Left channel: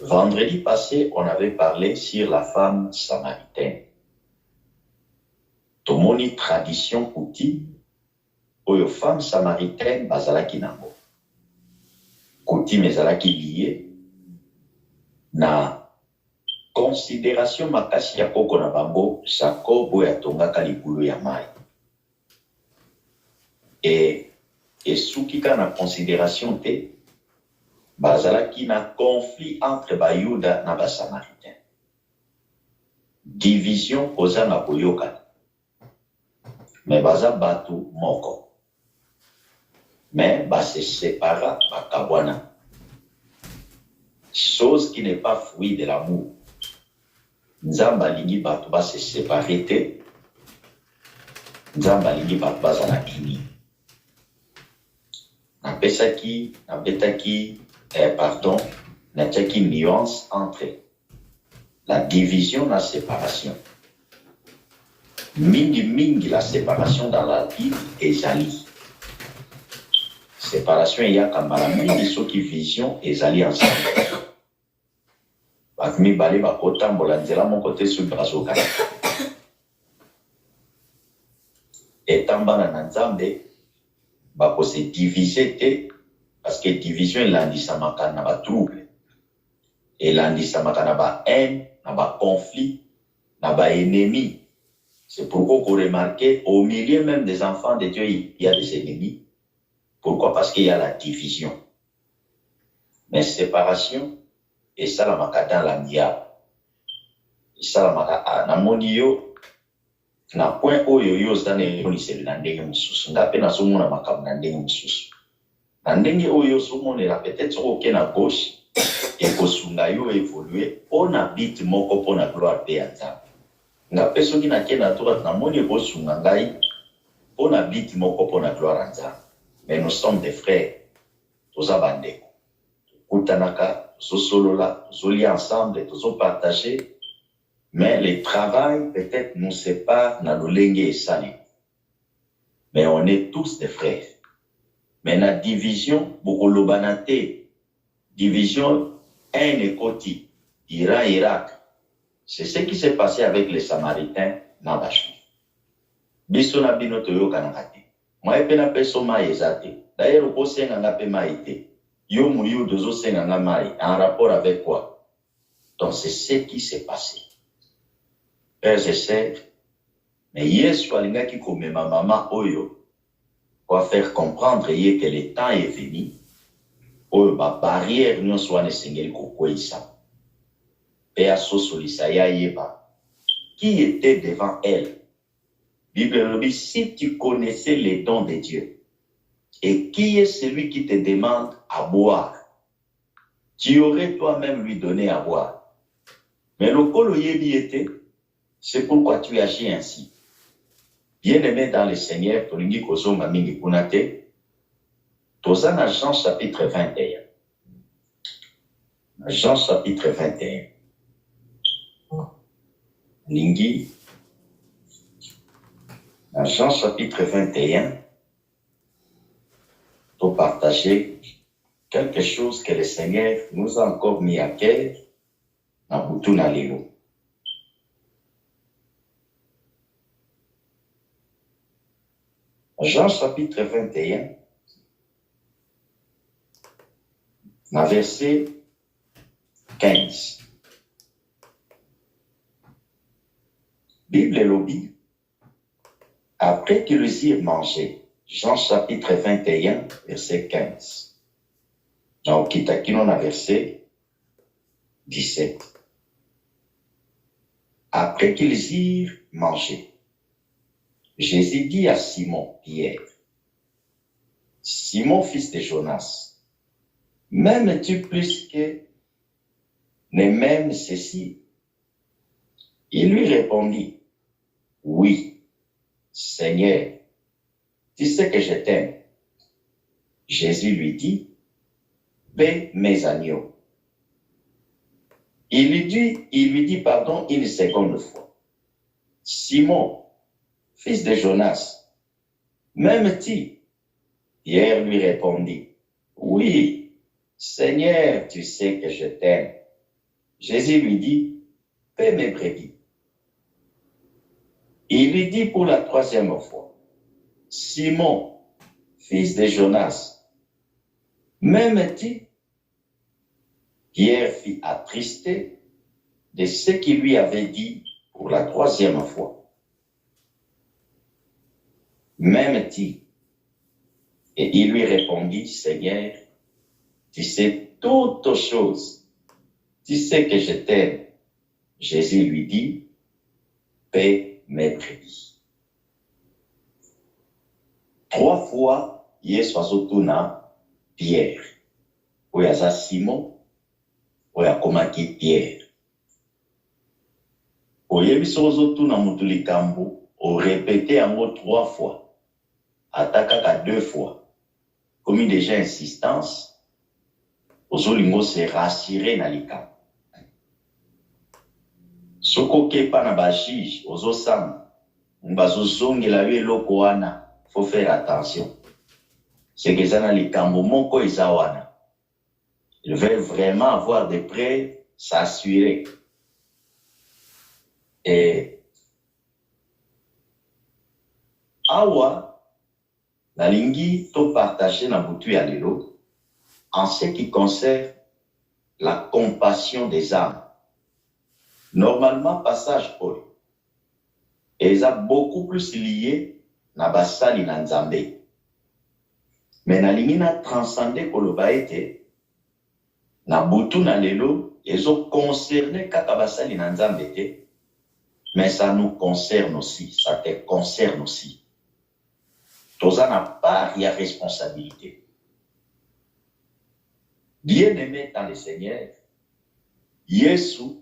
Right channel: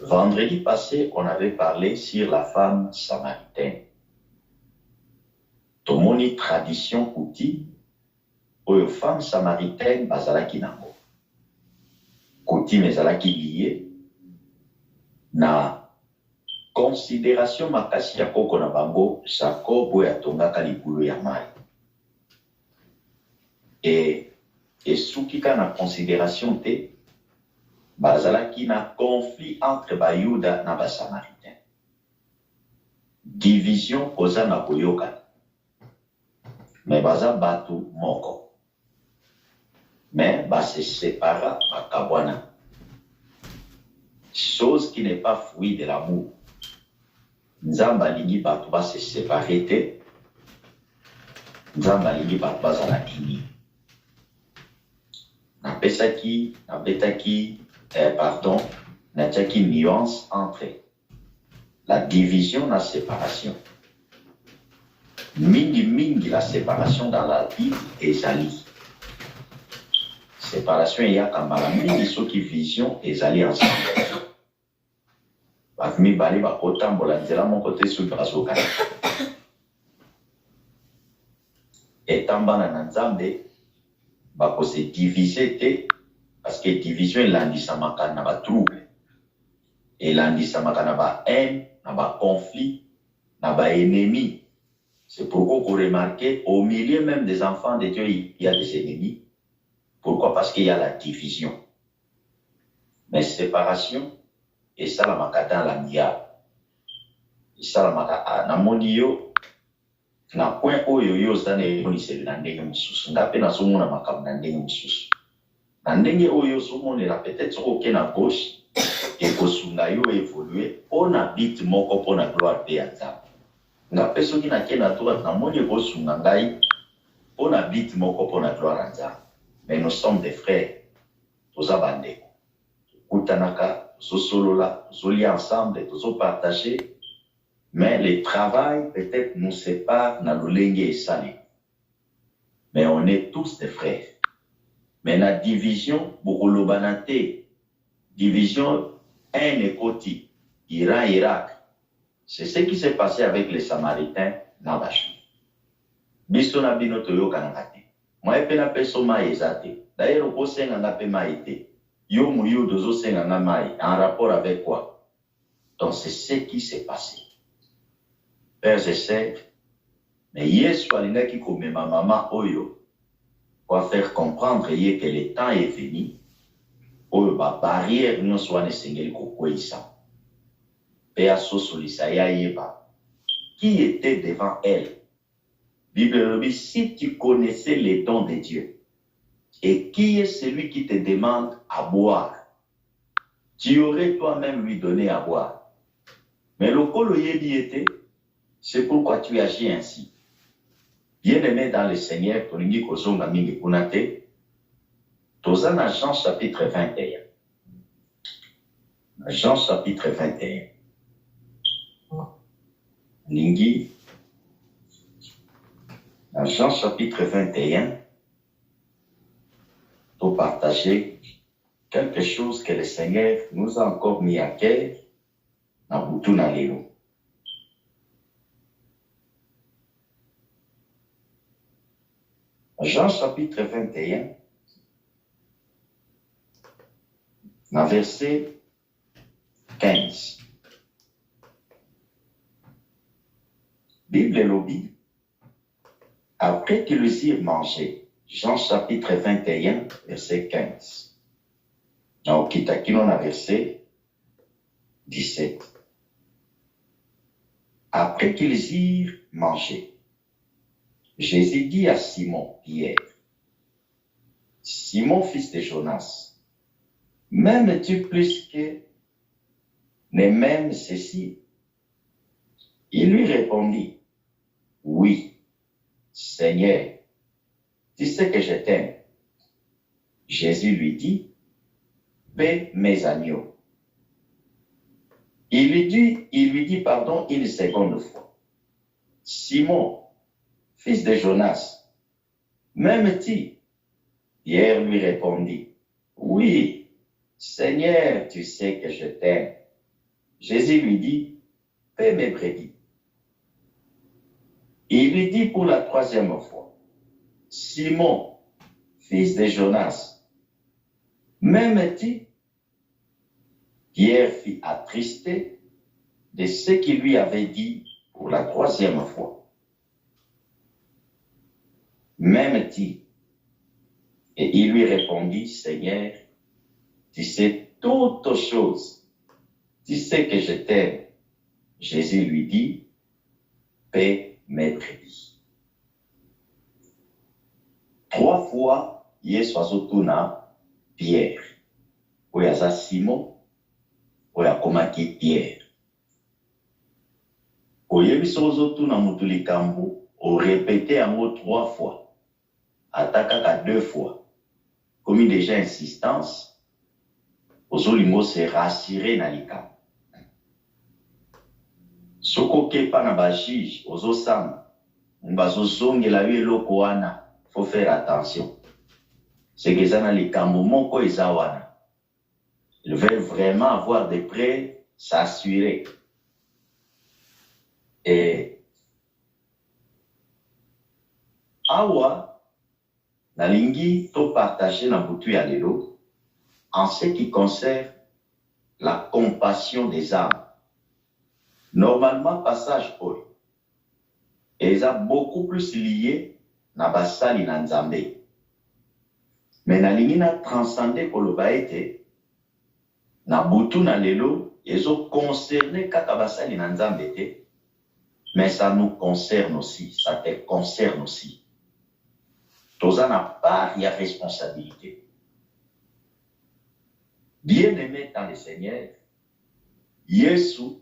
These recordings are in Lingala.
Vendredi passé, on avait parlé sur la femme samaritaine. Tomoni tradition coutume, oyo femme samaritaine bazalaki nango. Coutume ezalaki lié na considération makasi ya koko na bango Jacob oyo atongaka libulu ya mai. Esuki kaka na considération te, bazalaki na conflit entre bayuda na basamaritain. Division koza na boyokani. Mais baza batu moko. Mais se sépara bakabwana. Chose qui n'est pas fruit de l'amour. Nzamba lingi batu se séparer te. Nzamba lingi batu bazala ini. Natiaki nuance entre la division et la séparation. Mingi la séparation dans la Bible ezali. Séparation il y a kambala mingi soki vision ezali ensemble. Bakmi bale bakotambola nzela mon côté sur bazoka. Etambana na Nzambe bako se diviser te parce que division elandisamaka na ba trouble. Elandisamaka na ba haine, na ba conflit, na ba ennemi. C'est pourquoi vous remarquez, au milieu même des enfants de Dieu, il y a des ennemis. Pourquoi? Parce qu'il y a la division. Mais séparation, et ça la maka dans la miya. Et ça la maka na moniyo, na point oyo yo zane yoni se na ndenge mususu. Ndape na somo na makabu na ndenge mususu. Na ndenge oyo somo ne la peut-être oke na gauche, et kosunga yo évoluer, on habite moko pour la gloire de Nzambe. Nga peso ki na kena droite na moni kosunga ngai on habite moko pour la gloire Nzambe. Mais nous sommes des frères. Toza bandeko. Kutanaka, solola, zoli ensemble, tozo partager. Mais le travail peut-être nous sépare na lolenge et sali. Mais on est tous des frères. Mais la division bokolobanate, division un ekoti, Irak. C'est ce qui s'est passé avec les Samaritains dans Bachoui. Biso na bino toyoka na kati. Moi epena peso mai ezate. D'ailleurs au senga na pe mai te. Yo muyo dozo senga na mai en rapport avec quoi? Donc c'est ce qui s'est passé. Pères et sœurs, mais Yesu alingaki komema mama oyo pour faire comprendre que le temps est venu. Oyo ba barrière nyonso wana esengeli kokweyisa. Qui était devant elle? Bible dit, si tu connaissais les dons de Dieu, et qui est celui qui te demande à boire, tu aurais toi-même lui donné à boire. Mais le kolo yebi était, c'est pourquoi tu agis ainsi. Bien-aimé dans le Seigneur, tolingi kozonga mingi kunate, tozana Jean chapitre 21. Jean chapitre 21. Lingi, dans Jean chapitre 21, pour partager quelque chose que le Seigneur nous a encore mis à cœur dans Boutouna Léo. Jean chapitre 21, dans verset 15. Bible et lobby, après qu'ils eurent mangé, Jean chapitre 21, verset 15. Donc, Kitakino a verset 17. Après qu'ils eurent mangé, Jésus dit à Simon, Pierre, Simon, fils de Jonas, m'aimes-tu plus que ne m'aimes ceci? Il lui répondit, oui, Seigneur, tu sais que je t'aime. Jésus lui dit, paie mes agneaux. Il lui dit une seconde fois, Simon, fils de Jonas, m'aimes-tu? Pierre lui répondit, oui, Seigneur, tu sais que je t'aime. Jésus lui dit, paie mes brebis. Il lui dit pour la troisième fois, Simon, fils de Jonas, m'aimes-tu? Pierre fut attristé de ce qu'il lui avait dit pour la troisième fois. M'aimes-tu? Et il lui répondit, Seigneur, tu sais toutes choses, tu sais que je t'aime. Jésus lui dit, paie mes brebis. 3 fois, Yesu azotuna Pierre. Oyo aza Simon, oyo akomaki Pierre. Oyebi soki ozotuna mutu likambo, orépété yango 3 fois, ata kaka 2 fois. Comme déjà insistance, ozolingo se rassurer na likambo. Soki okepa na bajuge ozosamba, bazozongela yo eloko wana, faut faire attention. C'est que eza na likambo moko eza wana. Ils veulent vraiment avoir des preuves, s'assurer. Et awa, nalingi to partager na butu ya lelo en ce qui concerne la compassion des âmes. Normalement, passage oyo eza beaucoup plus lié na basali na Nzambe. Mais nalingi na transcender koloba ete na butu na lelo ezo concerner kaka basali na Nzambe te, mais ça nous concerne aussi, ça te concerne aussi. Toza na part ya responsabilité. Bien-aimé dans le Seigneur, Yesu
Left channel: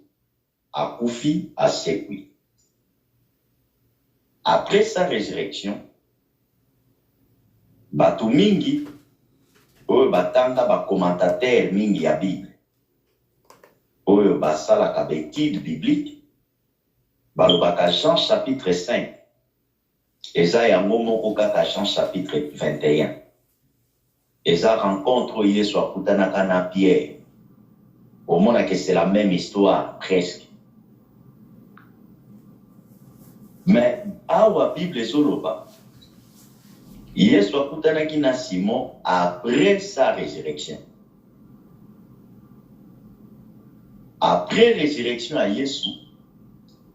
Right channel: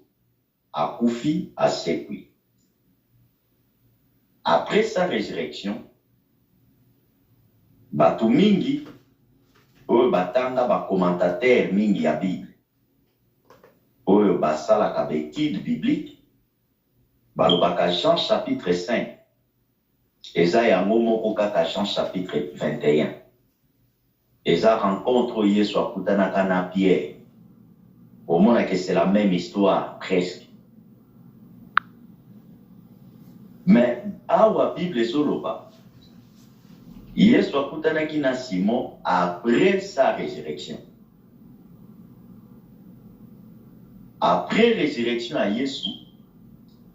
akufi asekwi. Après sa résurrection, batu mingi oyo batanga ba commentateur mingi ya Bible, oyo basalaka bétude biblique, balobaka Jean chapitre 5, eza yango moko kaka Jean chapitre 21. Eza rencontre Yesu akutanaka na Pierre. Omona que c'est la même histoire presque. Mais awa Bible ezoloba, Yesu akutanaki na Simon après sa résurrection. Après résurrection à Yesu,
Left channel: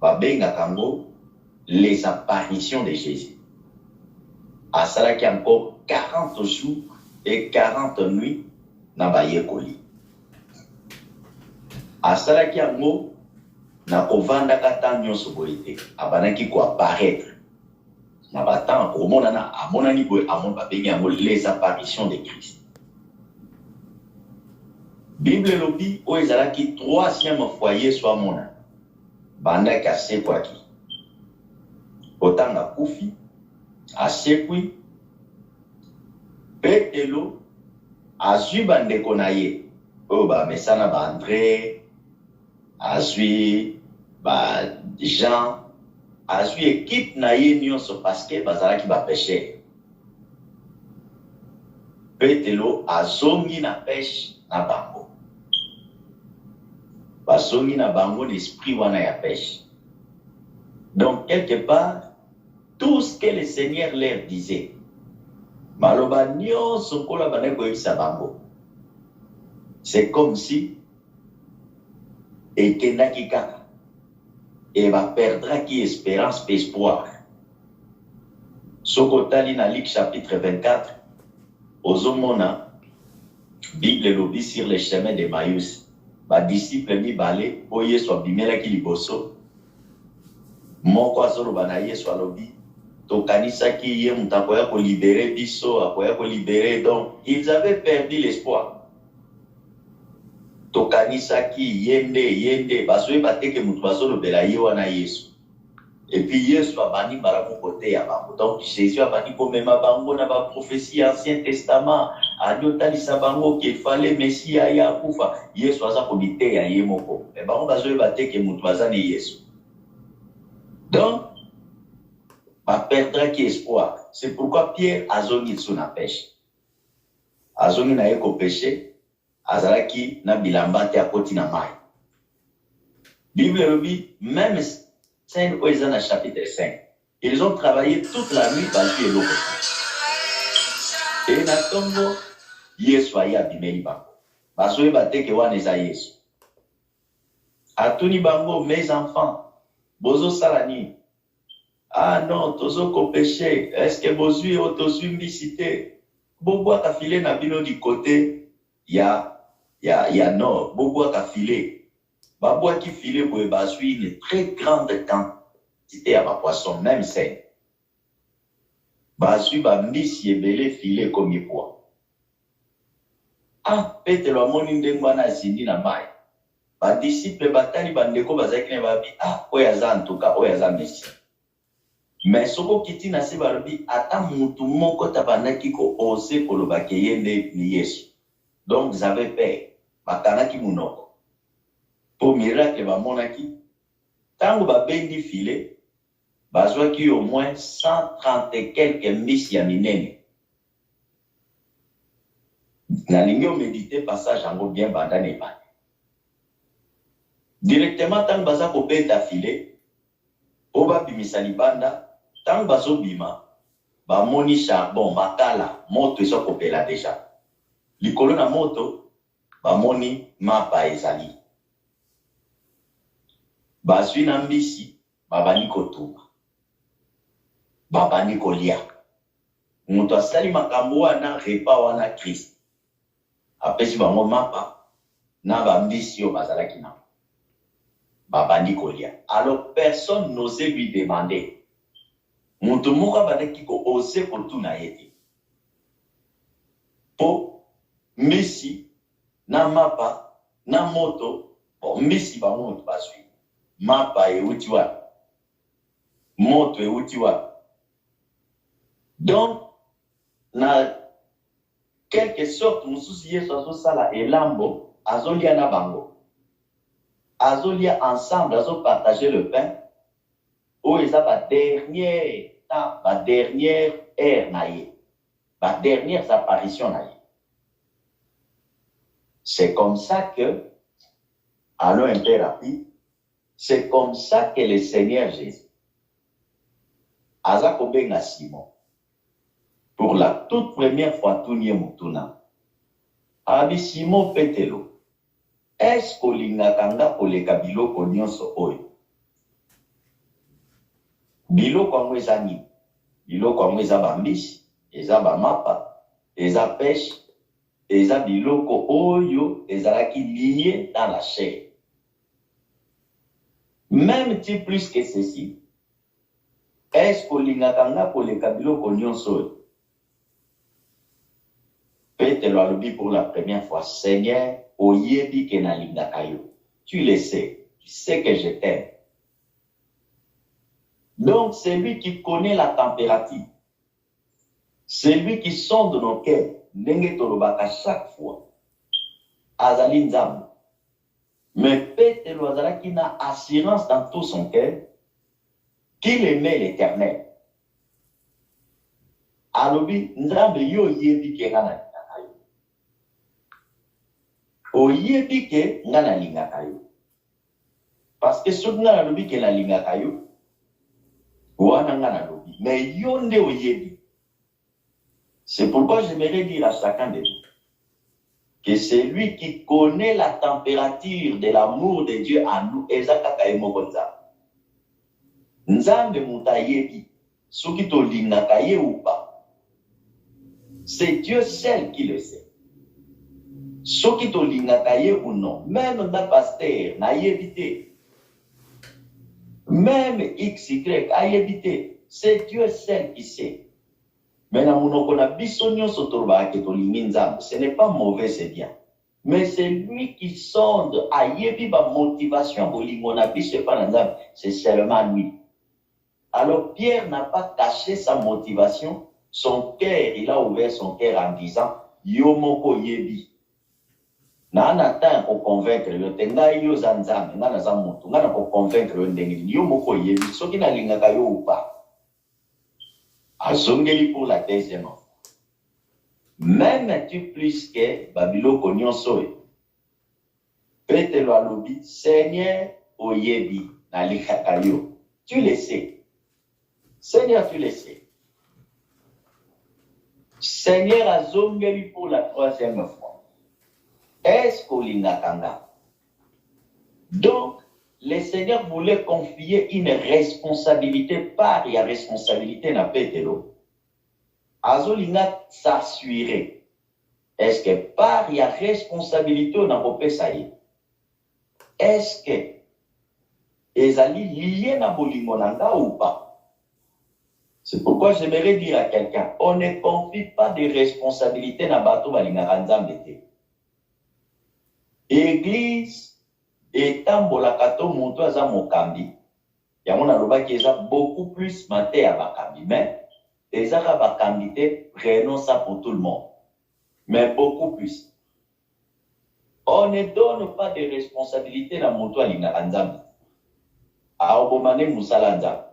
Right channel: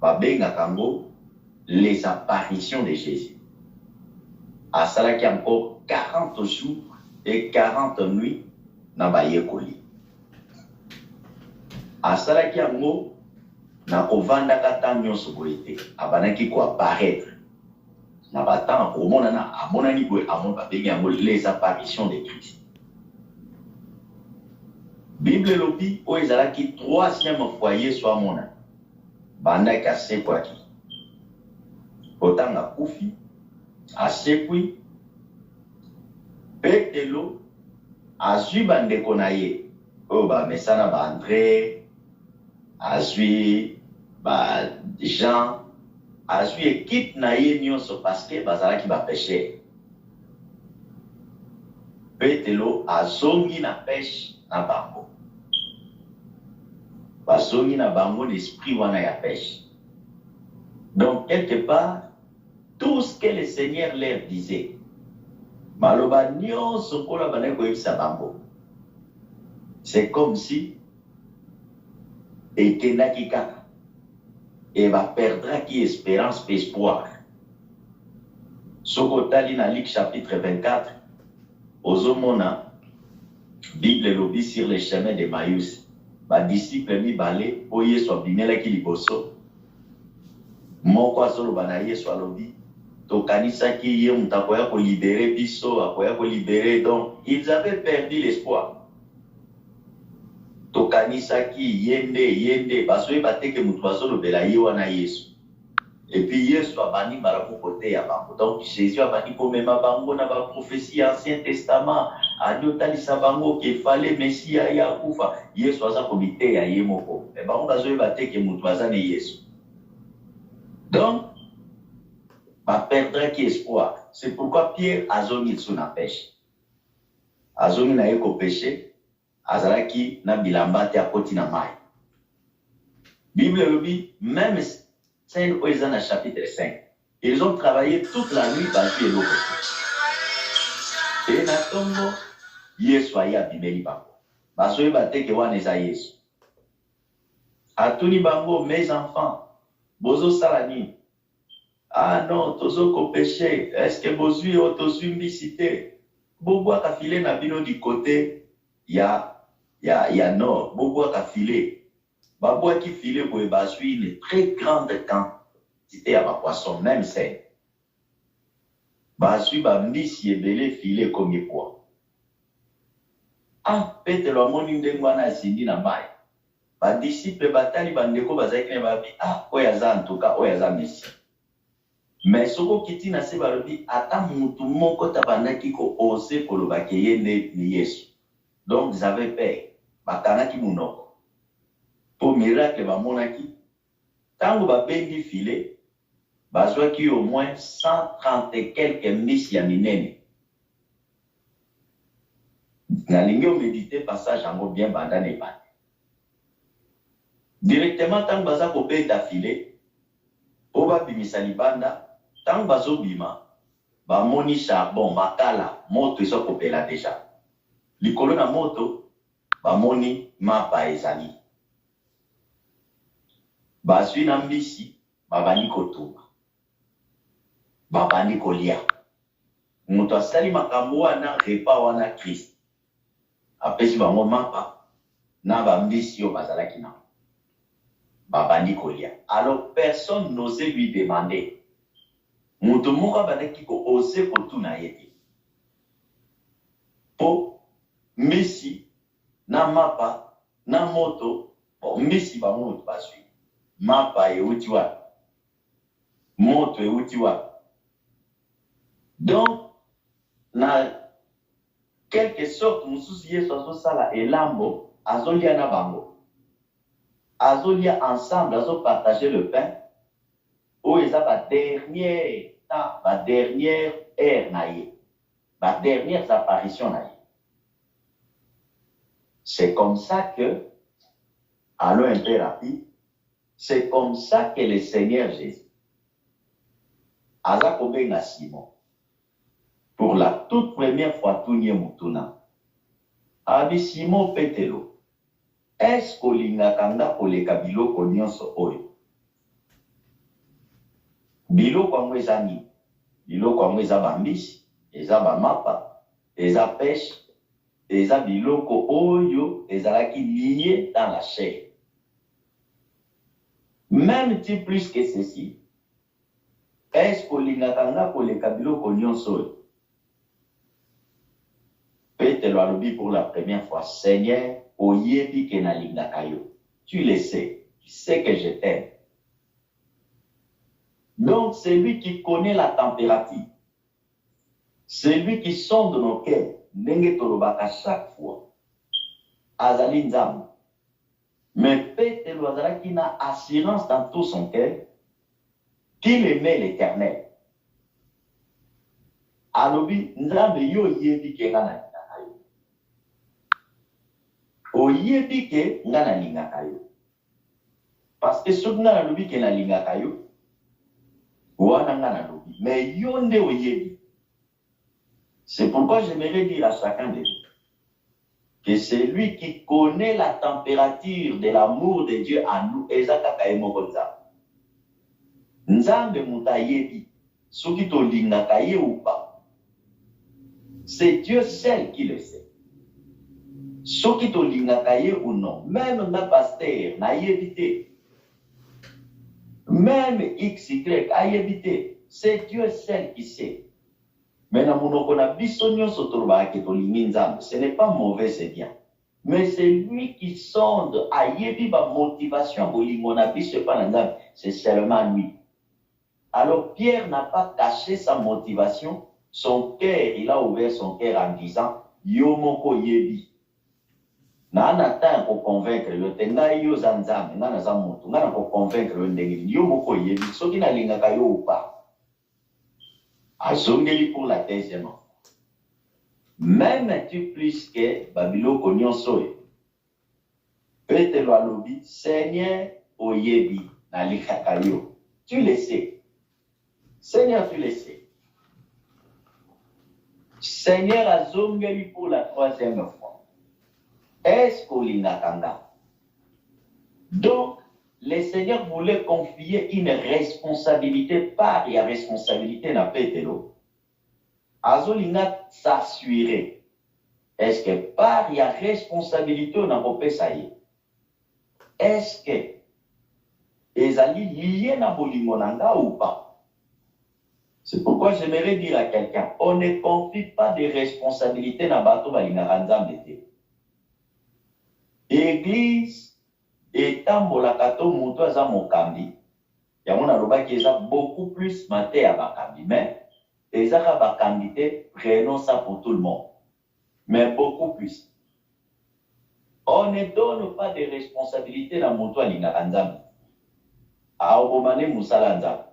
babengaka ngo les apparitions de Jésus. Asalaki encore 40 jours et 40 nuits na bayekoli. Asalaki yango na kovandaka ntango nyonso boye te, abanaki koapparaître na batango komonana, amonani boye, babengi yango les apparitions de Christ. Bible elobi oyo ezalaki 3e fois Yesu amona, bandaki asekwaki. Otanga kufi, asekwi, Petelo azwi bandeko na ye, oyo bamesana ba André, azwi ba Jean, azwi équipe na ye nyonso parce que bazalaki ba péché. Petelo azongi na pêche na bango. Bazongi na bango l'esprit wana ya pêche. Donc quelque part, tout ce que le Seigneur leur disait, maloba nyonso kola bana koyebisa bango, c'est comme si ekendaki kaka et va perdre qui espérance et espoir. Sokotali na Luc chapitre 24, ozomona Bible lobi sur le chemin de Maïus, ba disciple mibale o Yesu abimelaki liboso, moko azoloba na Yesu alobi tokanisaki ye mutu akoya kolibere biso, akoya kolibere. Donc ils avaient perdu l'espoir. Tokanisaki yende bazoyeba te ke mutu bazolobela ye wana Yesu. Et puis Yesu abandi mbala moko te ya bango. Donc Jésus abandi komema bango na ba prophétie Ancien Testament, aliotalisa bango qu'il fallait Messia ya kufa. Yesu aza komiteya ye moko. Et bango bazoyeba te ke mutu bazali Yesu. Donc va perdre qui espoir. C'est pourquoi Pierre azongi sous la pêche. Azongi na yeko pêcher, azalaki na bilamba te akoti na mai. Bible le dit, même scène où ils sont dans chapitre 5. Ils ont travaillé toute la nuit parce qu'ils l'ont fait. Et na tombo, Yesu aye abimeli bango. Basoye bateke wana eza Yesu. Atuni bango, mes enfants, bozo salani. Ah non, tozo ko péché. Est-ce que bozui o tozui mbisite? Bobo akafile na bino du côté ya nord. Bobo akafile. Babo akifile boye bazui une très grande quantité ya ba poisson, même c'est. Bazui ba mbisi ebele file komi poa. Ah, Petelo amoni ndenge wana asindi na mai. Badisciple batali bandeko bazaki na babi, ah, oyo aza ntuka, oyo aza Messie. Mais soko kiti na se balobi, ata mutu moko tabandaki ko ose koloba ke ye nde ni Yesu. Donc vous avez peur. Bakanaki munoko. Po miracle bamonaki. Tango babendi file, bazwaki au moins 130 et quelques mbisi ya minene. Nalingi méditer passage yango bien banda ne banda. Directement tango baza ko beta file, oba bimisa libanda, tango bazo bima, ba moni charbon makala, moto ezo kopela déjà. Likolo na moto, ba moni mapa ezali. Bazwi na mbisi, babani kotumba. Babani kolia. Mutu asali makambo wana repa wana Christ. Apesi bango mapa na bambisi yo bazalaki na. Babandi kolia. Alors personne n'osait lui demander. Mutu moko badaki ko ose kotuna yete. Po misi na mapa na moto, bon misi ba moto bazwi. Mapa euti wa. Moto euti wa. Donc na quelque sorte mususu Yesu azosala elambo azolia na bango. Azolia ensemble, azo partager le pain. Ou ils ont la dernière temps, la dernière ère naïe, la dernière apparition naïe. C'est comme ça que, allons un peu rapide, c'est comme ça que le Seigneur Jésus, Azakobenga Simon, pour la toute première fois, tout n'y est moutuna, Abi Simon Petelo, est-ce que l'ingakanga pour les kabilo konyonso oyo? Biloko yango eza nini? Biloko yango eza bambisi, eza bamapa, eza pêche, eza biloko oyo ezalaki lié dans la chair. Même plus que ceci, est-ce que l'ingakanga koleka biloko nyonso oyo? Petelo alobi pour la première fois, Seigneur, oyebi ke nalingaka yo. Tu le sais, tu sais que je t'aime. Donc, c'est lui qui connaît la température. C'est lui qui sonde nos cœurs. Ndenge tolobaka chaque fois. Azali nzambe. Mais Petelo azalaki na assurance dans tout son cœur qu'il aimait l'Éternel. Alobi nzambe yo yebi ke nga nalingaka yo. Oyebi ke nga nalingaka yo. Parce que soki nga nalobi ke nalingaka yo, mais yonde oyebi. C'est pourquoi j'aimerais dire à chacun de nous que c'est lui qui connaît la température de l'amour de Dieu à nous. Ezakaka emokonza. Nzambe mutayebi. Soki to lingaka ye ou pas. C'est Dieu seul qui le sait. Soki to lingaka ye ou non. Même na pasteur na yebite. Même XY a évité. C'est Dieu seul qui sait. Maintenant, ce n'est pas mauvais, c'est bien. Mais c'est lui qui sonde à yebiba motivation, c'est seulement lui. Alors Pierre n'a pas caché sa motivation. Son cœur, il a ouvert son cœur en disant, Yomoko yebi. Nana temps pour convaincre le tenga yo zanzame nana za mutu ngana pour convaincre le ndenge yo moko yebi soki na lingaka yo ou pas azongeli pour la deuxième fois. Même tu plus que babilo konyoso Petelo alobi Seigneur oyebi na likakayo. Tu le sais. Seigneur, tu le sais. Seigneur a zongeli pour la 3e fois. Est-ce qu'on l'inakanga? Donc, le Seigneur voulait confier une responsabilité par la responsabilité na Pételo. Azolinga s'assurer. Est-ce que par la responsabilité on a repé ça y? Est-ce que ezali lié na bolingo nanga ou pas? C'est pourquoi j'aimerais dire à quelqu'un, on ne confie pas de responsabilités dans le bateau de Église, étant bolakato moto aza mokambi, ya mona loba qui a beaucoup plus maté à bakambi, mais ezaka bakambi te, prenons ça pour tout le monde, mais beaucoup plus. On ne donne pas de responsabilités dans le moto à l'inaranzambi. A obomane musalanzambi.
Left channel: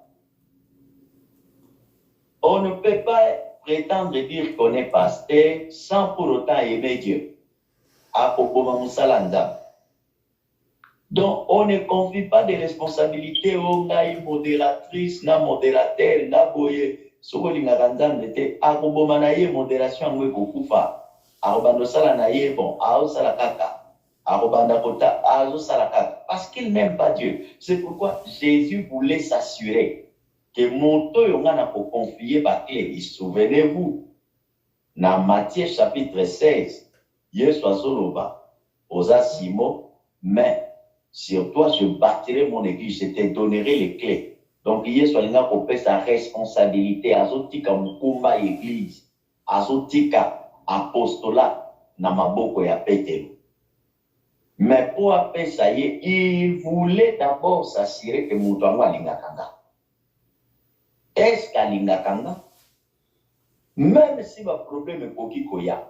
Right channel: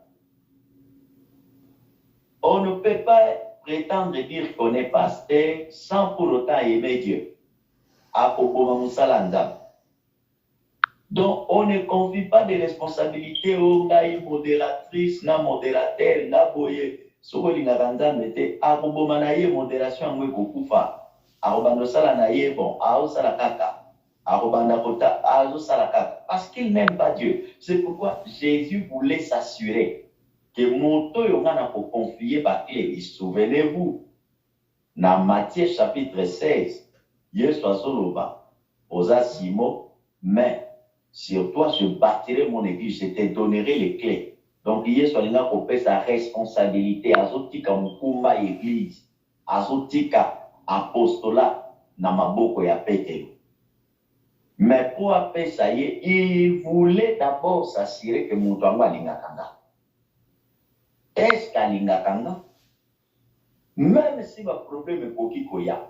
On ne peut pas prétendre dire qu'on est pasteur sans pour autant aimer Dieu. Donc, on ne confie pas de responsabilités aux modératrices, na modérateur, na boye. Sokolinga kanzambe te, akobomanaye modération ngwe kokufa. Akobando sala na ye bon, ao sala kaka. Akobanda kota, azo sala kaka. Parce qu'il n'aime pas Dieu. C'est pourquoi Jésus voulait s'assurer que moto yongana pour confier ba clé. Souvenez-vous, dans Matthieu chapitre 16, Yesu azoloba, oza Simon, mais sur toi je bâtirai mon église, je te donnerai les clés. Donc Yesu alina kopesa sa responsabilité, azotika mukumba église, azotika apostolat na maboko ya Pétero. Mais pour appeler ça y est, il voulait d'abord s'assurer que moto yango alingakanga. Est-ce qu'alingakanga? Même si ma problème est koki koya,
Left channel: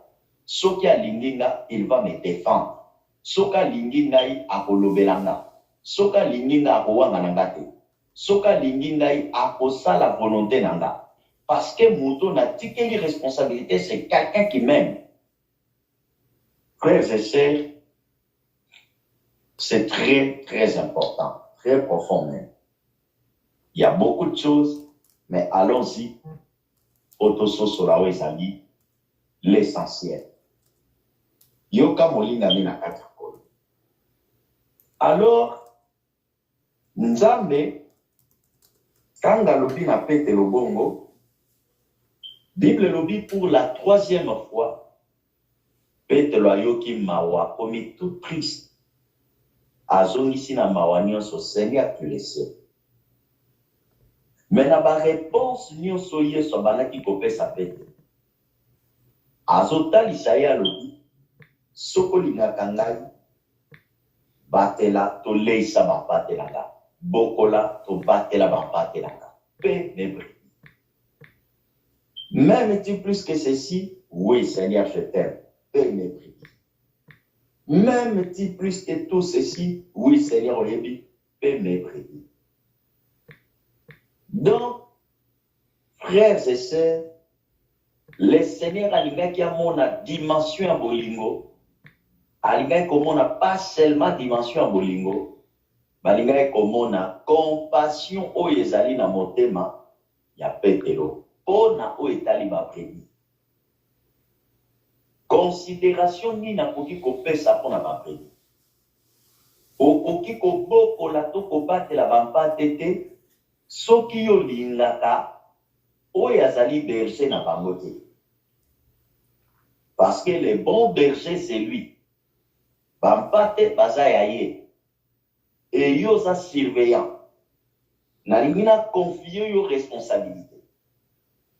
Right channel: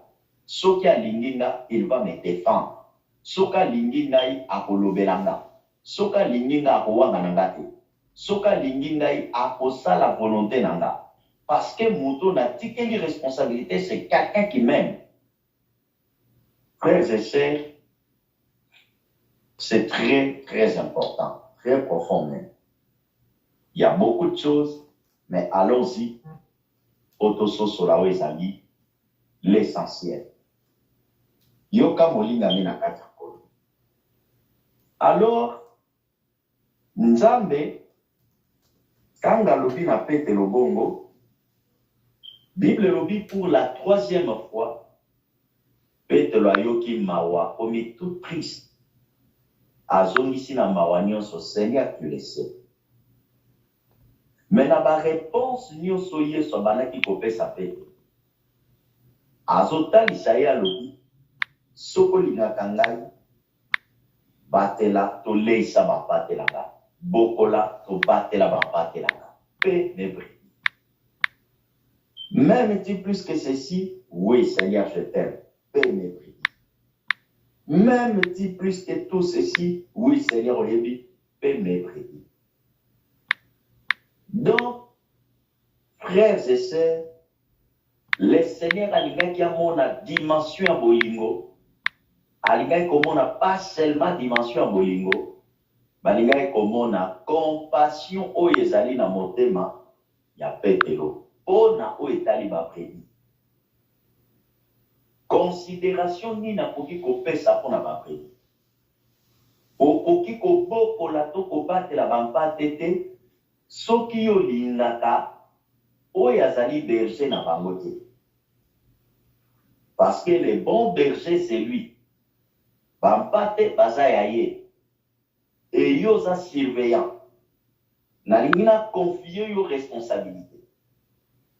soki alinginga, il va me défendre. Soka linginga akolobelanga. Soka linginga akowanga nangate. Soka linginga akosa la volonté nanga. Parce que moto n'a tikeli responsabilité, c'est quelqu'un qui m'aime. Frères et sœurs, c'est très, très important, très profond même. Il y a beaucoup de choses, mais allons-y. Autososolao ezali l'essentiel. Yoka molinga mina katakolo. Alors, Nzambe, kanga lobi na pete lobongo, Bible lobi pour la 3e fois, pete lo ayoki mawa, komi tout triste. Azongisi na mawa nyonso, Seigneur, tu le sais. Mais na ba réponse nyonso Yesu abanaki kopesa pete. Azotalisa ye alobi, soko lingaka ngai, batela toleisa bapatelanga, bokola tobatela bapatelanga, pe nebre. M'aimes-tu plus que ceci? Oui, Seigneur, je t'aime, pe nebre. M'aimes-tu plus que tout ceci? Oui, Seigneur, oyebi, pe nebre. Donc, frères et sœurs, le Seigneur a mon dimension à bolingo, a comme pas seulement dimension à bolingo, mais comme on a compassion au yezali na motema, ya Pétero, on a au etali ba prédit. Considération ni na poki ko pesa pour na ba prédit. Okoki ko boko la to ko batela bampa tete, soki yo lingaka, o yazali berger na bango te. Parce que le bon berger, c'est lui. Bampate bazayaye. Et yosa surveillant. Naringina confié yo responsabilité.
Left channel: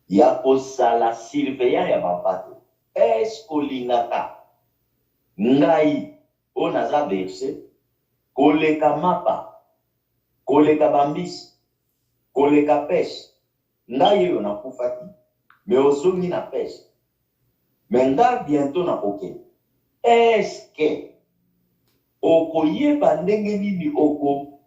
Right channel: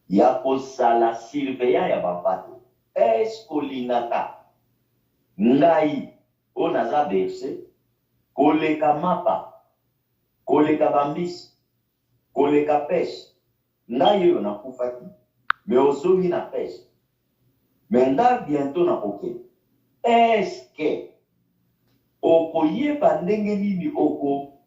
Ya kosala surveillant ya bampate. Est-ce que l'ingaka ngai onaza berger, koleka mapa, koleka bambis, koleka pêche. Ngai yo na kufaki, mais ozongi na pêche. Maintenant, bientôt, na koke. Est-ce que okoye bandenge nini oko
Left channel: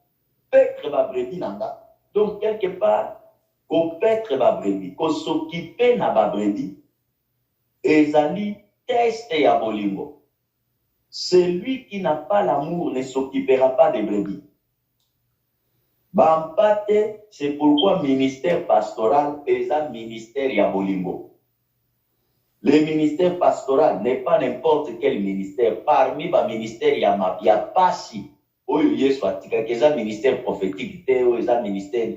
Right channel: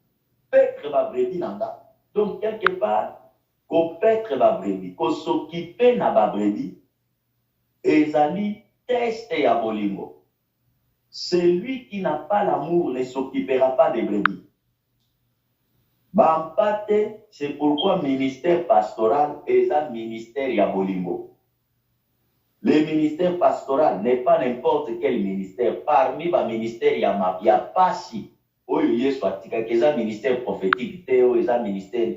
petre ba brevi nanga? Donc, quelque part, ko petre ba brevi, ko s'occuper na ba brevi, ezali test ya bolingo. Celui qui n'a pas l'amour ne s'occupera pas des brebis. Bampate, c'est pourquoi ministère pastoral est un ministère Yabolingo. Le ministère pastoral n'est pas n'importe quel ministère. Parmi les ministères, il y a pas si. Il y a un ministère prophétique, il y a un ministère.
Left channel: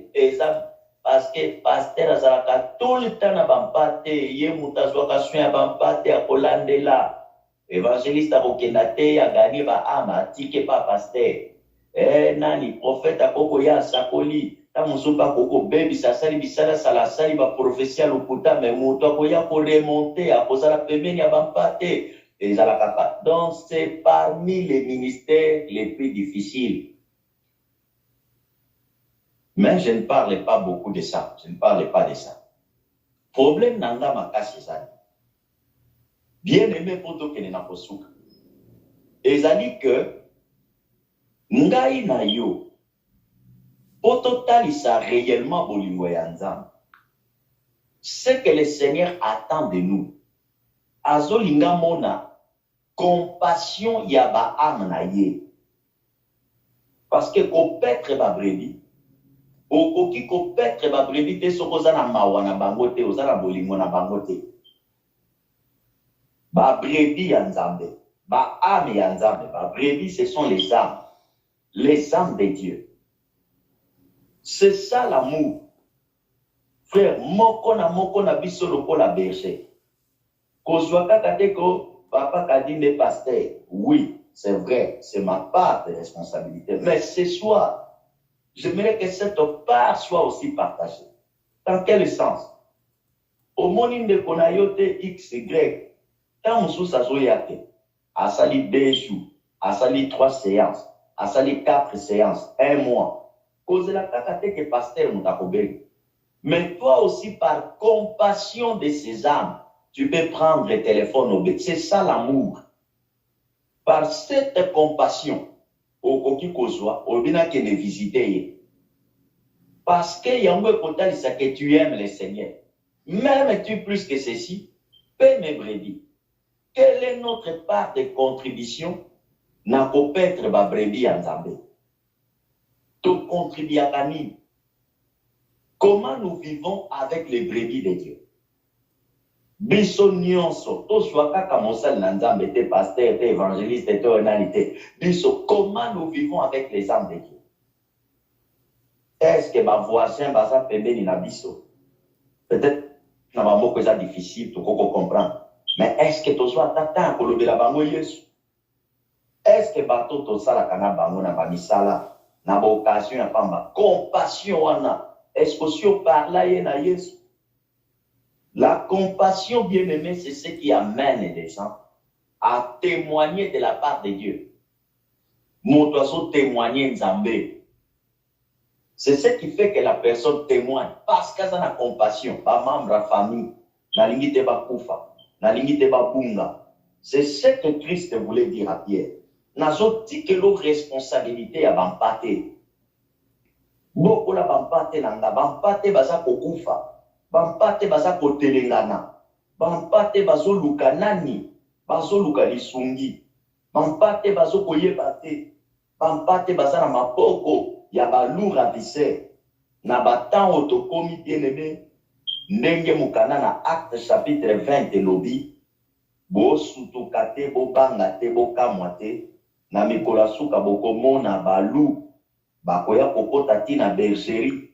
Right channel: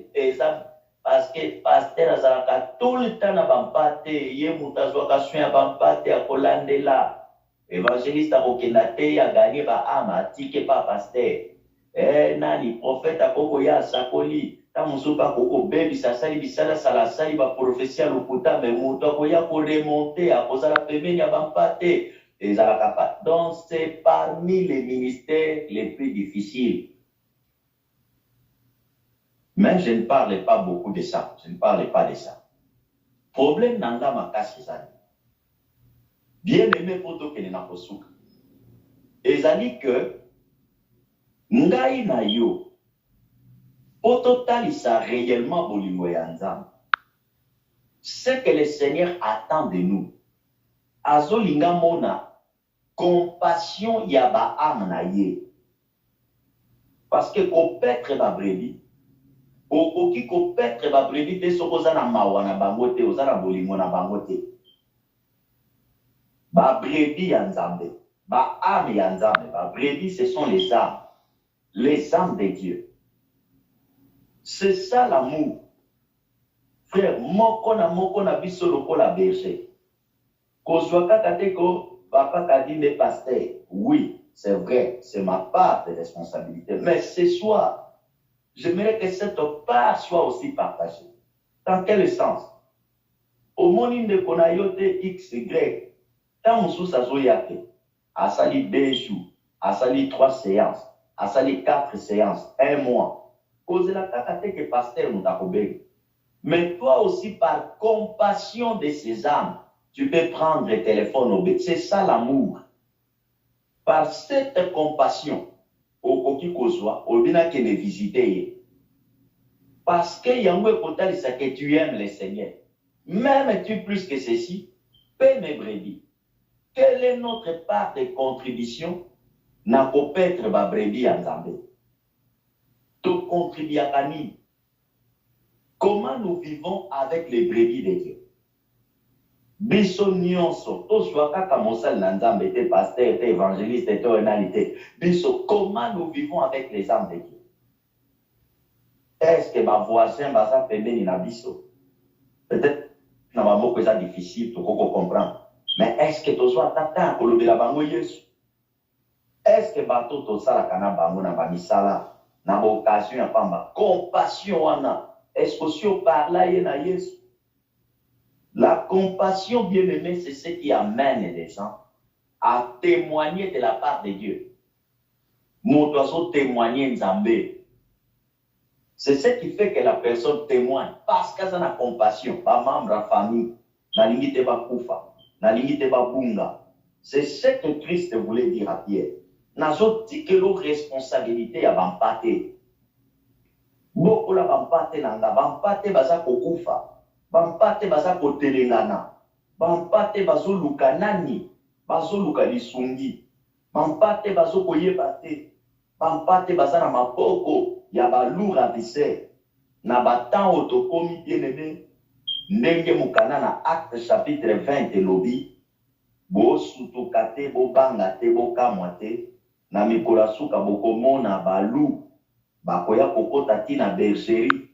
Parce que pasteur Azaraka, tout le temps, Bampate, il y a un Bampate à Kolandela. Évangéliste à Bokenate, il a gagné âme, tike pas pasteur. Nani, prophète à Kokoya, Sakoli. Tamusuba koko bebi sasali bisala salasali ba prophétie lokuta mais moto akoya ko remonter à cause la pemeni abampate et la capa. Donc c'est parmi les ministères les plus difficiles. Mais je ne parle pas beaucoup de ça. Je ne parle pas de ça. Problème nanga makasi ça. Bien aimé pour toi que na kosuka. Ezali que ngai na yo pour totalisa réellement bolingo ya nzambe. Ce que le Seigneur attend de nous. Azolinga mona compassion ya ba âme na ye. Parce que ko petre ba brevi, okoki ko petre ba brevi te sokoza na mawa na bango te, oza na bolingo na bango te. Ba brevi ya nzambe, ba âme ya nzambe, ba brevi ce sont les âmes de Dieu. C'est ça l'amour. Frère, moko na biso lokola berger. Kozwaka kateko, papa kadine pasteur. Oui, c'est vrai, c'est ma part de responsabilité. Mais ce soir, j'aimerais que cette part soit aussi partagée. Dans quel sens? Au monde de konayote X, Y, tant moussou sa zoyate, a sali 2 jours, a sali 3 séances, a sali 4 séances, 1 mois. Cause la kakate que pasteur moutakobeg. Mais toi aussi, par compassion de ces âmes, tu peux prendre le téléphone au bec. C'est ça l'amour. Par cette compassion, au koki kozwa, au bina que les visiter. Parce que yamwe potali ça que tu aimes le Seigneur. Même tu plus que ceci, paie mes brebis. Quelle est notre part de contribution? Na kopetre ba brebis en Zambé. Tu contribues à Kani. Comment nous vivons avec les brebis de Dieu? Biso nyonso, to soit kaka mosal nanzambe, te pasteur, te évangéliste, te onalité. Biso, comment nous vivons avec les âmes de Dieu? Est-ce que ma voisin va pembeni na biso? Peut-être na mamo que ça difficile, tu comprendre. Mais est-ce que tu sois tata pour le bango Yesu? Est-ce que bato to sala kana bango na bamisala na occasion ya pamba compassion wana? Est-ce que si on parle là na Yesu? La compassion, bien-aimée, c'est ce qui amène les gens à témoigner de la part de Dieu. Mon oiseau témoigner Nzambé. C'est ce qui fait que la personne témoigne. Parce qu'elle a la compassion. Pas membre de la famille. Na limite pas koufa. Na limite pas bunga. C'est ce que Christ voulait dire à Pierre. Nazo dit que leur responsabilité à bampate. Beaucoup la bampate nanga. Bampate baza koufa. Bampate baza kotelengana. Bampate bazo luka nani. Bazo luka lisungi. Bampate bazo koyebate. Bampate baza na mapoko. Ya balura vise. Na batan otokomi bien-aimé. Ndenge mukana na acte chapitre 20 lobi. Bo sutukate bo bangate bo kamwate. Na mikola suka boko mona balu. Bakoya kokota tina bergerie.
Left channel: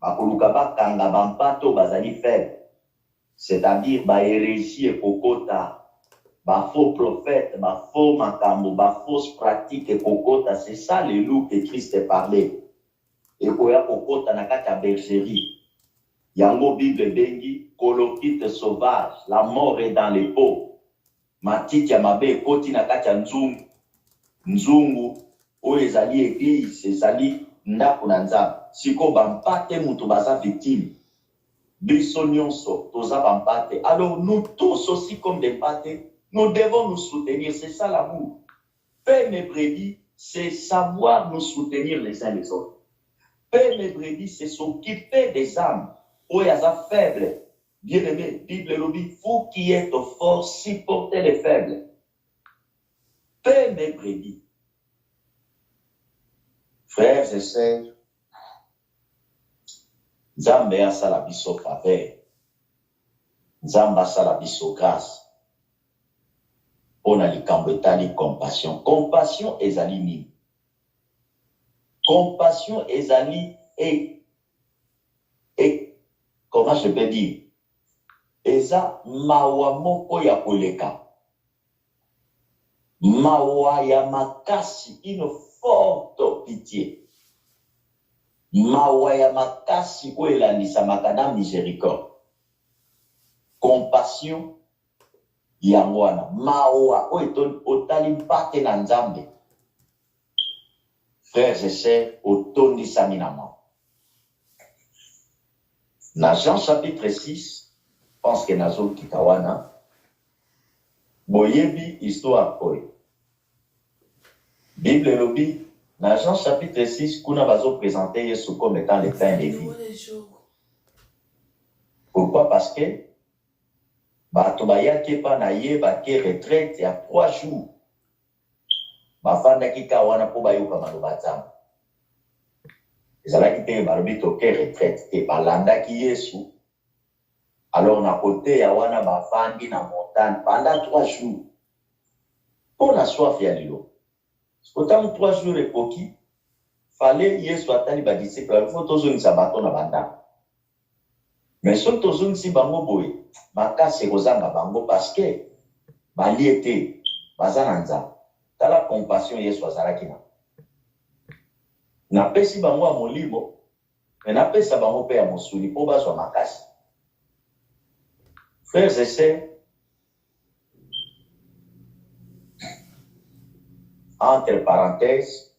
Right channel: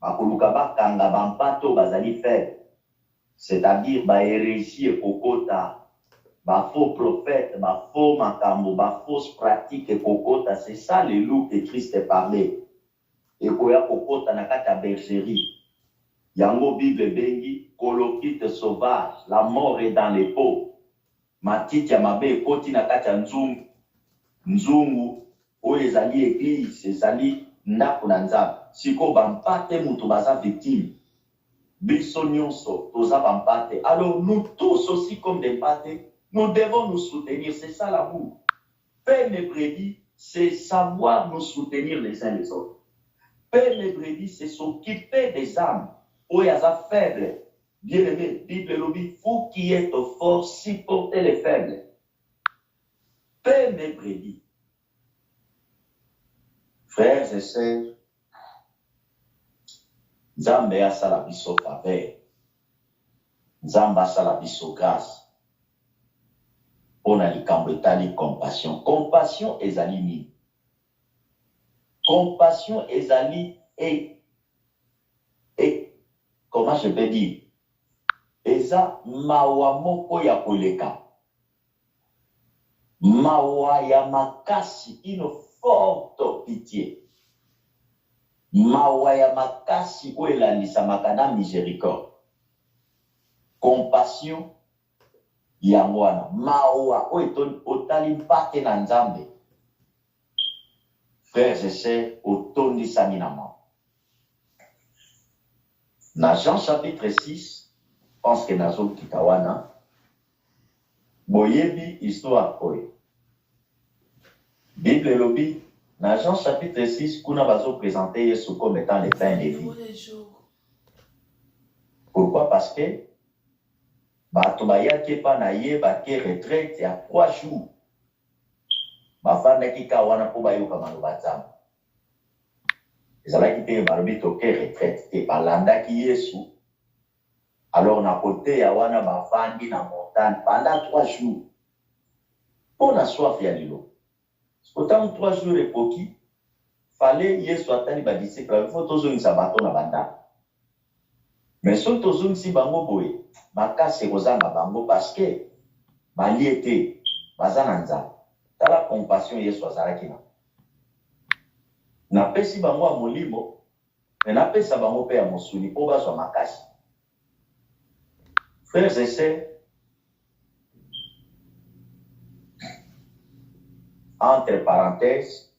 Bakoluka bakanga bampato bazali faible. C'est-à-dire ba hérésie et kokota, ba faux prophète, ba faux makambo, ba fausse pratique et kokota. C'est ça le loup que Christ parlait. Et koya kokota na kata bergerie. Yango Bible bengi colokite sauvage. La mort est dans les pots. Matiti ya mabe koti na kata nzungu. Nzungu o ezali église, ezali ndako na nzambe. Siko bampate mutu baza victime. Biso nyonso toza bampate. Alors nous tous aussi comme des patés, nous devons nous soutenir. C'est ça l'amour. Paix mes brebis, c'est savoir nous soutenir les uns les autres. Paix mes brebis, c'est s'occuper des âmes. Oyaza faible. Bien-aimé, Bible lobby, vous qui êtes forts, supportez les faibles. Paix mes brebis. Frères et sœurs, Nzambe asala biso faveur. Nzambe asala biso grâce. On a likambo etali compassion. Compassion ezali nini? Compassion ezali et comment je peux dire? Eza mawa moko ya koleka. Mawa ya makasi, une forte pitié. Mawa ya makasi o elanisamaka na miséricorde. Compassion yango wana. Mawa o otali mpate na Nzambe. Frères et sœurs, otondisami na mwa. Na Jean chapitre 6, je pense que nazo kitawana, boyebi histoire koy. Bible lobi, na Jean chapitre 6, kuna bazo présenter Yesu comme étant le pain de vie. Pourquoi? Parce que bato bayaki pa na ye bake retraite ya 3 jours. Bafandaki kawana po bayoka maloba Nzambe. Ezalaki te balobi toke retraite te balandaki Yesu. Alors na côté ya wana bafandi na montagne pendant 3 jours. Pour la soif ya lilo. Autant 3 jours ekoki, fallait Yesu atali ba disciple, il faut tozongisa bato na banda. Mais so tozongisi bango boye, makasi kozanga bango parce que bali ete baza na Nzambe. Tala compassion Yesu azalaki na. Napesi bango ya molimo, mais napesa bango pe ya mosuni po bazwa makasi. Frères et sœurs, entre parenthèses,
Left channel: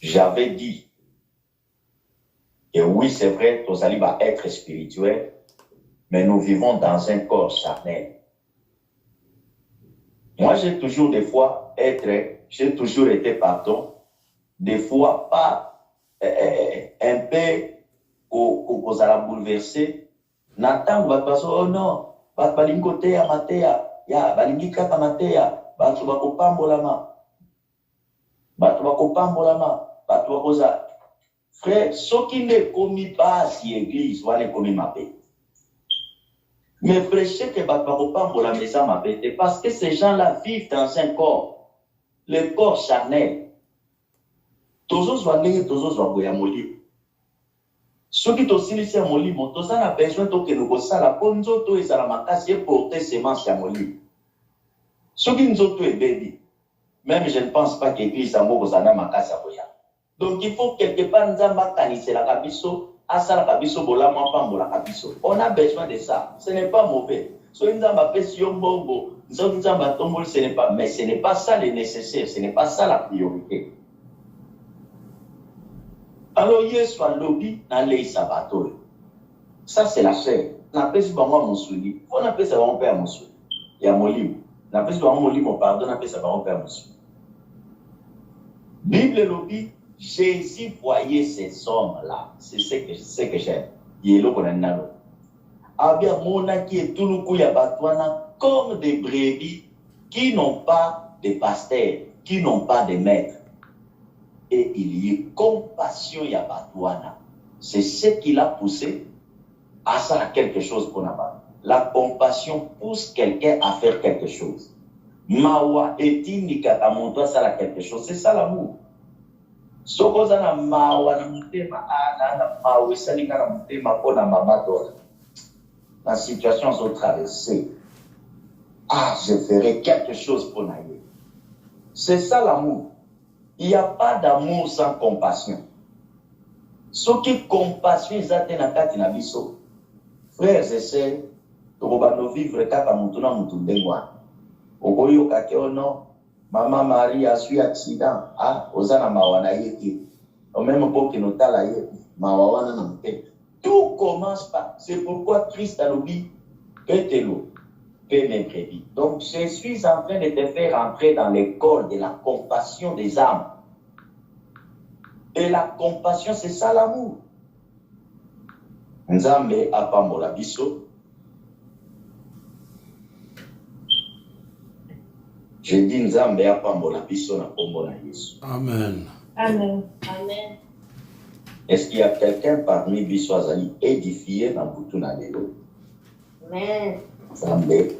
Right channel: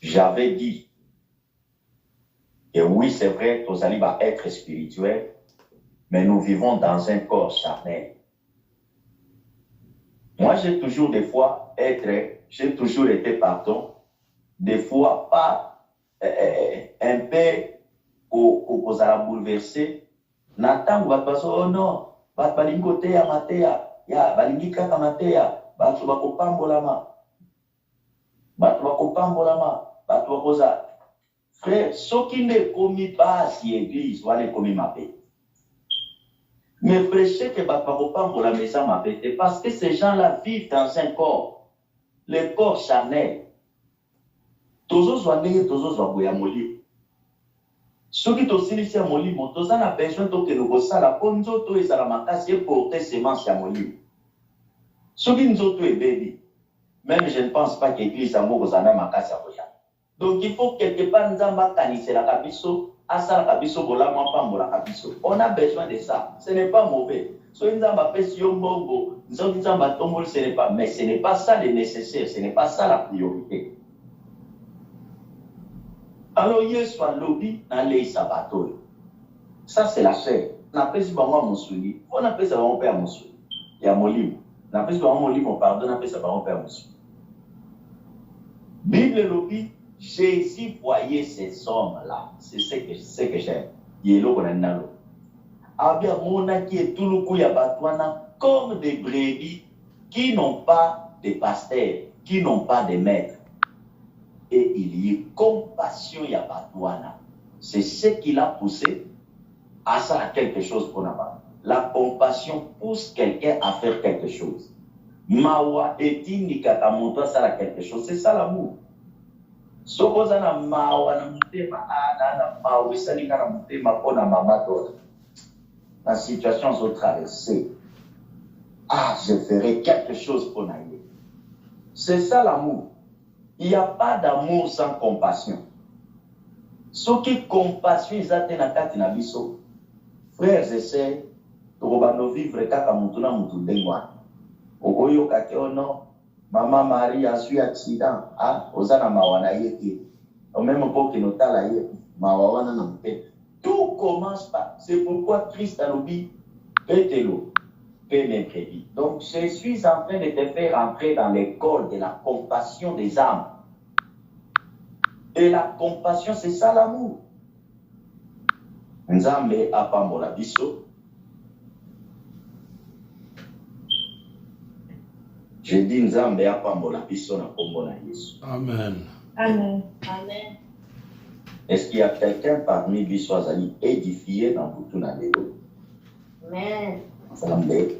j'avais dit, et oui, c'est vrai, tous allons être spirituels, mais nous vivons dans un corps charnel. Moi, j'ai toujours été, pardon, des fois pas un peu aux bouleversé. Nathan va passer, oh non, balingo te ya matea, ya balingi kaka matea, batu bakopambolama, batu bakoza. Frère, ceux qui ne commis pas si église, va les commis ma paix. Mais prêcher que bakopambola maison ma paix, parce que ces gens-là vivent dans un corps, le corps charnel. Toujours soigner, toujours soigner à molimo. Ceux qui tosilisi à molimo, tous en a besoin que nous bossons la konzo to ezala makasi porter semence à molimo. Ceux qui nous ont tout baby, même je ne pense pas que l'église a moko zana makasi à boya. Donc il faut quelque part nzamba kanise la kabiso, asa la kabiso bola mwapa la kabiso. On a besoin de ça. Ce n'est pas mauvais. So nzamba pesi yombongo, nzamba tombol ce n'est pas, mais ce n'est pas ça le nécessaire, ce n'est pas ça la priorité. Alors, Yesu a lobby dans les sabbatois. Ça, c'est la chair. On appelle ça mon souli. On appelle ça mon père mon souli. Il y a mon livre. On appelle ça mon livre, pardon, on appelle ça mon père mon souli. Bible lobby, Jésus voyait ces hommes-là. C'est ce que j'aime. Il est là qu'on a nalo. Abia mona qui est tout le coup ya batouana comme des brebis qui n'ont pas de pasteur, qui n'ont pas de maître. Et il y a compassion ya batouana. C'est ce qui l'a poussé à ça quelque chose qu'on a. La compassion pousse quelqu'un à faire quelque chose. Mawa etinika kamonto ça quelque chose. C'est ça l'amour. Sokoza na mawa na mutema na mawa salika na mutema kona mama dola. La situation sont traversée. Ah, je ferai quelque chose pour naïe. C'est ça l'amour. Il n'y a pas d'amour sans compassion. Ce qui compassion, ils atteignent à na biso. Frères et sœurs, nous vivre kaka mutuna mutundengwa. Okoyo kake ono, maman Marie a su accident. Ah, ozana mawana yeki. Au même temps que nous tala yeki, mawana na mute. Tout commence par. C'est pourquoi Christ a dit, pételo, paix mes brebis. Donc, je suis en train de te faire entrer dans l'école de la compassion des âmes. Et la compassion, c'est ça l'amour. Nzambe apambola biso. Je dis Nzambe apambola biso na kombo na Yesu. Amen. Amen. Amen. Est-ce qu'il y a quelqu'un parmi biso azali édifié dans butu na lelo? Amen. Nzambe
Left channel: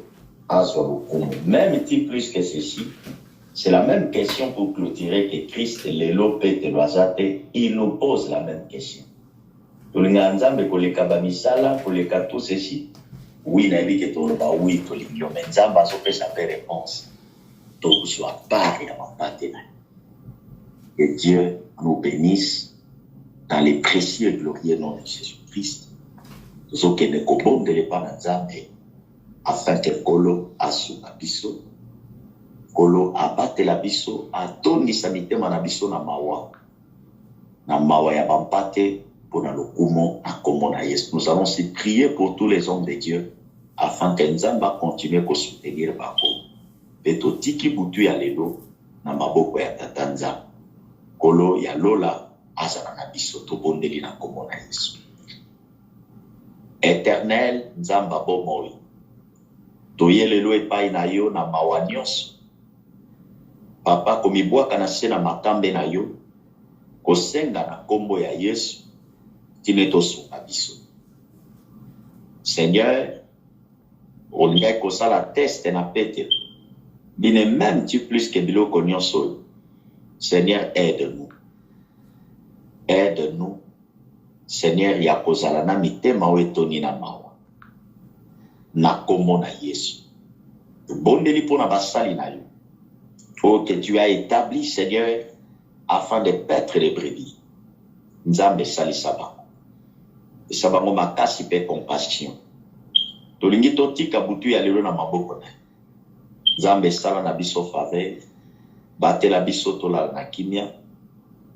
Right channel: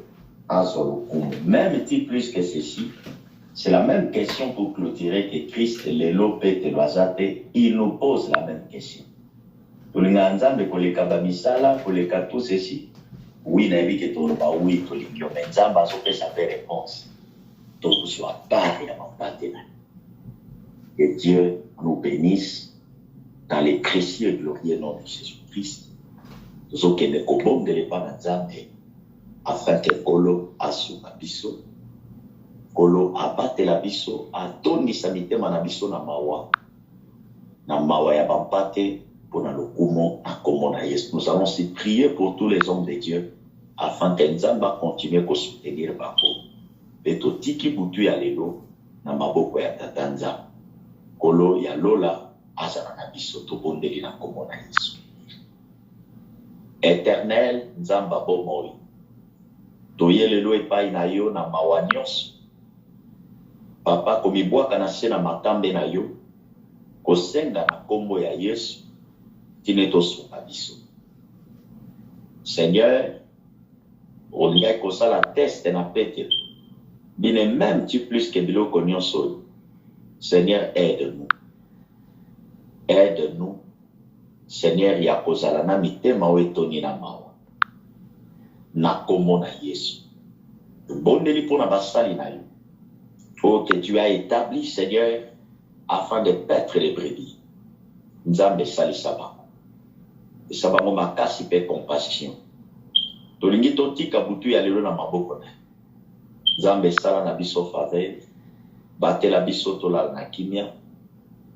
azwa lokumu. Même ti plus que ceci, c'est la même question pour clôturer que Christ lelo pete loazate, il nous pose la même question. Tolinga nzambe koleka bamisala, koleka tout ceci. Oui, nayebi ke toloba oui tolingio, mais nzambe azopesa pe réponse. Tokozwa part ya mapate na. Que Dieu nous bénisse dans les précieux et glorieux noms de Jésus-Christ. Zo ke ne kobondele pa na nzambe afin que Kolo asuka biso, Kolo abatela biso, atondisa mitema na biso na mawa ya bampate pour na lokumo na kombo na Yesu. Nous allons aussi prier pour tous les hommes de Dieu afin que Nzamba continue à soutenir bango. Pe totiki butu ya lelo na maboko ya tata Nzamba. Kolo ya lola azala na biso tobondeli na kombo na Yesu. Éternel Nzamba bomoi, toyelelo epai na yo na mawa nyonso. Papa komibwaka na se na matambe na yo, kosenga na kombo ya Yesu, tine tosunga biso. Seigneur, olingai kosala teste na Petro, bine même tu plus que biloko nyonso. Seigneur, aide-nous. Aide-nous. Seigneur, ya kozala na mitema wetoni na mawa. Na kombo na Yesu. Bondeli pona basali na yo. Oh, que tu as établi, Seigneur, afin de paître les brebis. Nzambe sali sabango. Sabango makasi pe compassion. Tolingi totika butu ya lelo na maboko na. Nzambe sala na biso faveur. Batela biso tola na kimia.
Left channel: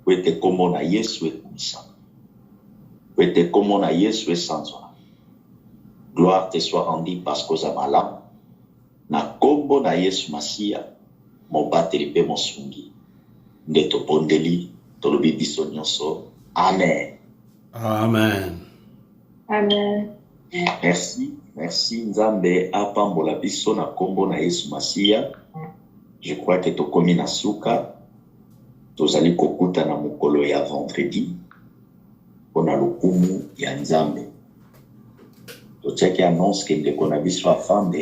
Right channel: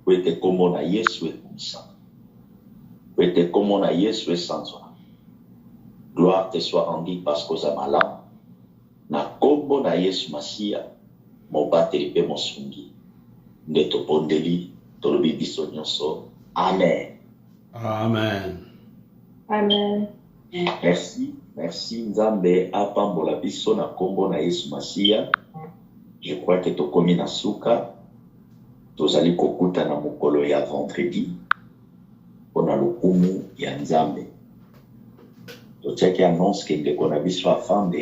Wete kombo na Yesu ekumisa. Wete kombo na Yesu esanzwa. Gloire te soit rendue parce que za malam. Na kombo na Yesu Masia. Mobateli pe mosungi. Nde tobondeli tolobi biso nyonso. Amen. Amen. Amen. Merci Nzambe apambola biso na kombo na Yesu Masia. Je crois que tokomi na suka. Tozali kokuta na mokolo ya vendredi. Pona lokumu ya Nzambe. Totiaki annonce ke ndeko na biso afande